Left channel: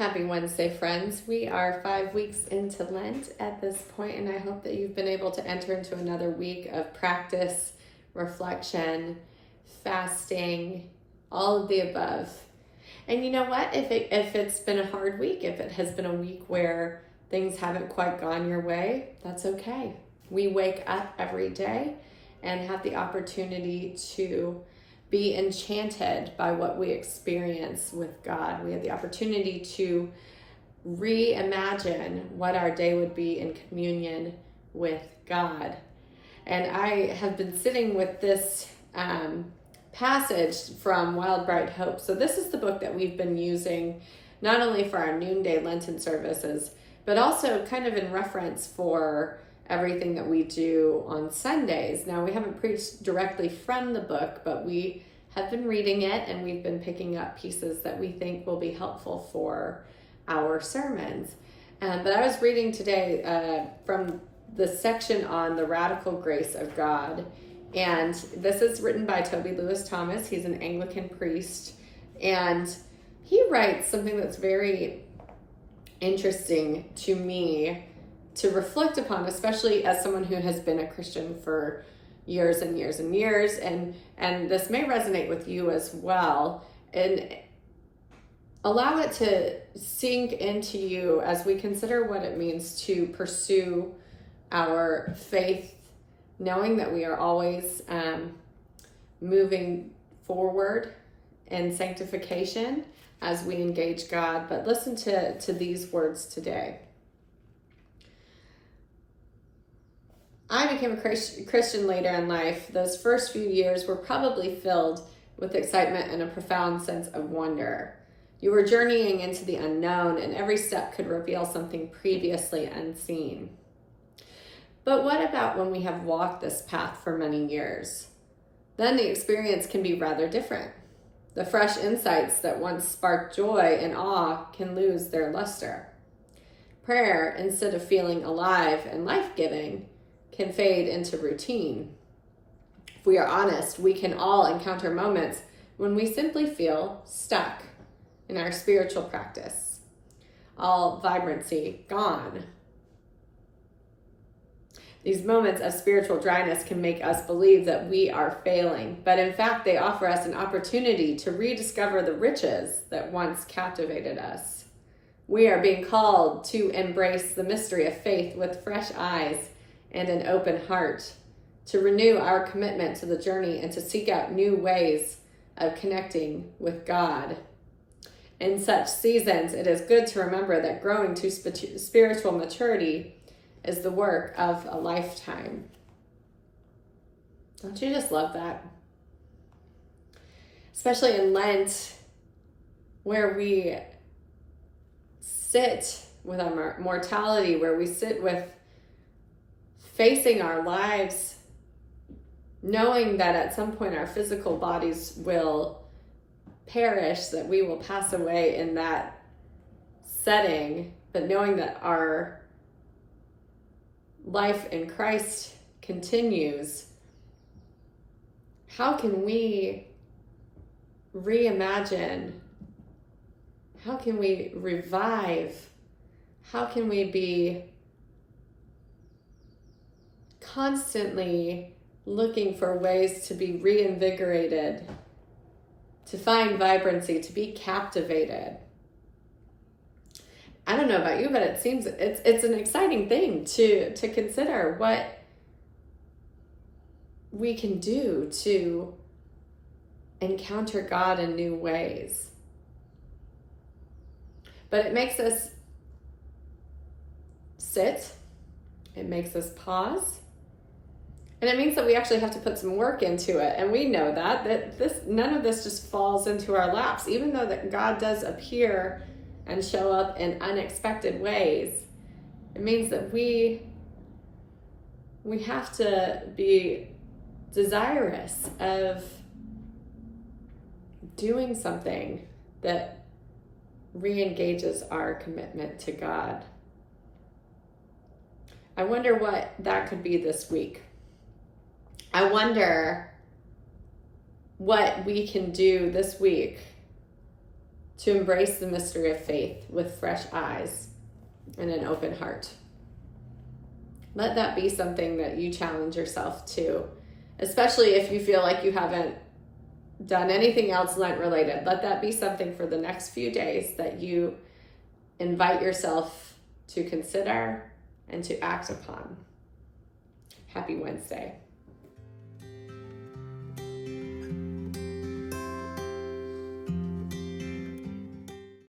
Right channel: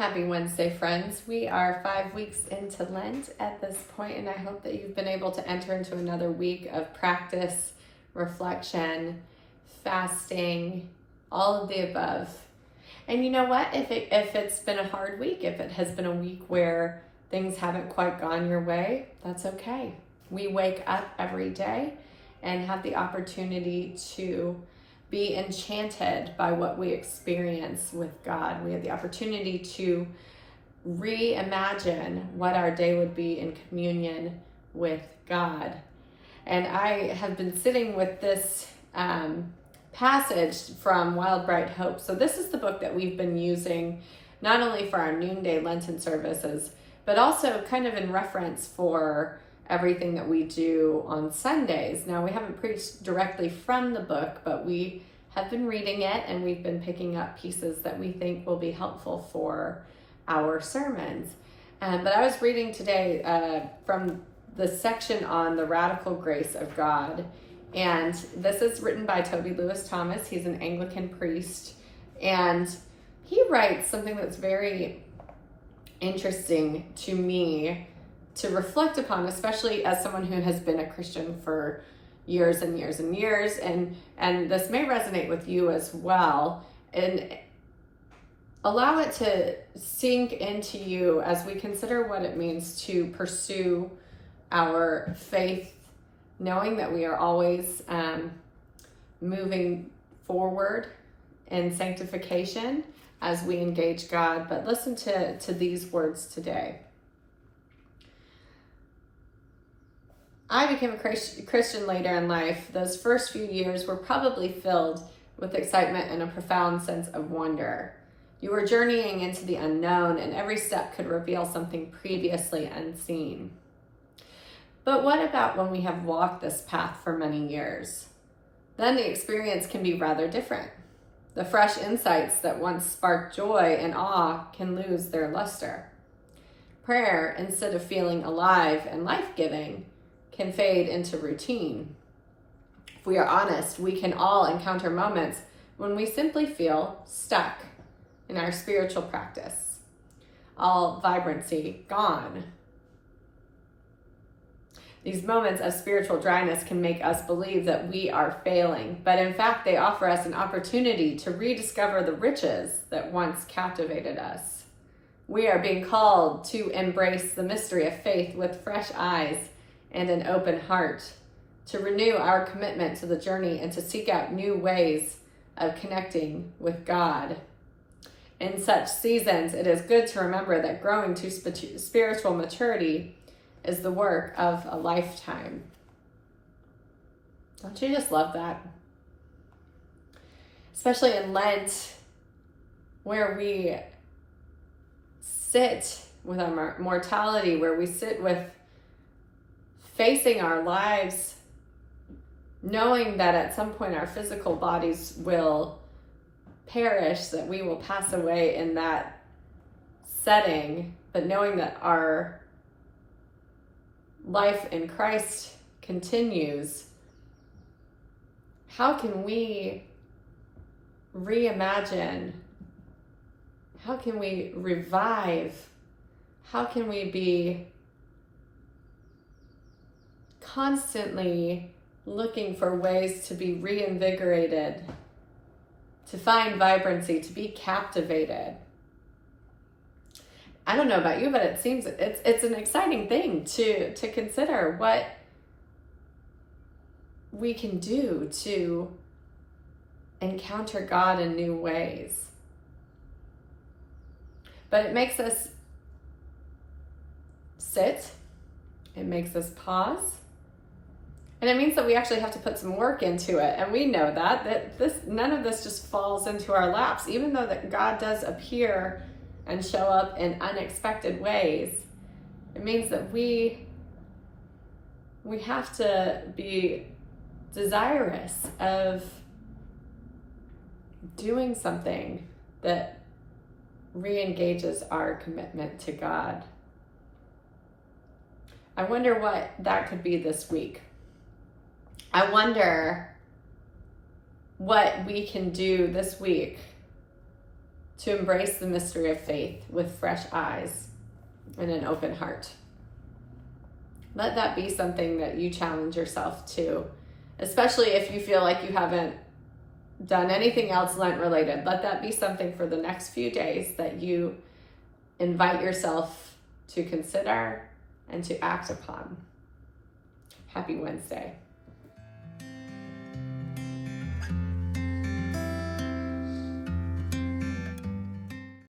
Happy Wednesday, friends. We are 5 weeks into Lent at this point, and I hope that you've been able to enter into another week of practice, reflection, fasting, all of the above. And you know what? If it's been a hard week, if it has been a week where things haven't quite gone your way, that's okay. We wake up every day and have the opportunity to be enchanted by what we experience with God. We have the opportunity to reimagine what our day would be in communion with God. And I have been sitting with this passage from Wild Bright Hope. So this is the book that we've been using not only for our noonday Lenten services, but also kind of in reference for everything that we do on Sundays. Now, we haven't preached directly from the book, but we have been reading it and we've been picking up pieces that we think will be helpful for our sermons. But I was reading today from the section on the radical grace of God. And this is written by Toby Lewis Thomas. He's an Anglican priest. And he writes something that's very interesting to me to reflect upon, especially as someone who has been a Christian for years and years and years, and this may resonate with you as well, and allow it to sink into you as we consider what it means to pursue our faith, knowing that we are always moving forward in sanctification as we engage God. But listen to these words today. I became a Christian later in life. Those first few years were probably filled with excitement and a profound sense of wonder. You were journeying into the unknown, and every step could reveal something previously unseen. But what about when we have walked this path for many years? Then the experience can be rather different. The fresh insights that once sparked joy and awe can lose their luster. Prayer, instead of feeling alive and life-giving, can fade into routine. If we are honest, we can all encounter moments when we simply feel stuck in our spiritual practice. All vibrancy gone. These moments of spiritual dryness can make us believe that we are failing, but in fact, they offer us an opportunity to rediscover the riches that once captivated us. We are being called to embrace the mystery of faith with fresh eyes and an open heart, to renew our commitment to the journey and to seek out new ways of connecting with God. In such seasons, it is good to remember that growing to spiritual maturity is the work of a lifetime. Don't you just love that? Especially in Lent, where we sit with our mortality, where we sit with facing our lives, knowing that at some point our physical bodies will perish, that we will pass away in that setting, but knowing that our life in Christ continues. How can we reimagine? How can we revive? How can we be constantly looking for ways to be reinvigorated, to find vibrancy, to be captivated? I don't know about you, but it seems it's an exciting thing to consider what we can do to encounter God in new ways. But it makes us sit, it makes us pause, and it means that we actually have to put some work into it. And we know that none of this just falls into our laps, even though that God does appear and show up in unexpected ways. It means that we have to be desirous of doing something that re-engages our commitment to God. I wonder what that could be this week. I wonder what we can do this week to embrace the mystery of faith with fresh eyes and an open heart. Let that be something that you challenge yourself to, especially if you feel like you haven't done anything else Lent related. Let that be something for the next few days that you invite yourself to consider and to act upon. Happy Wednesday.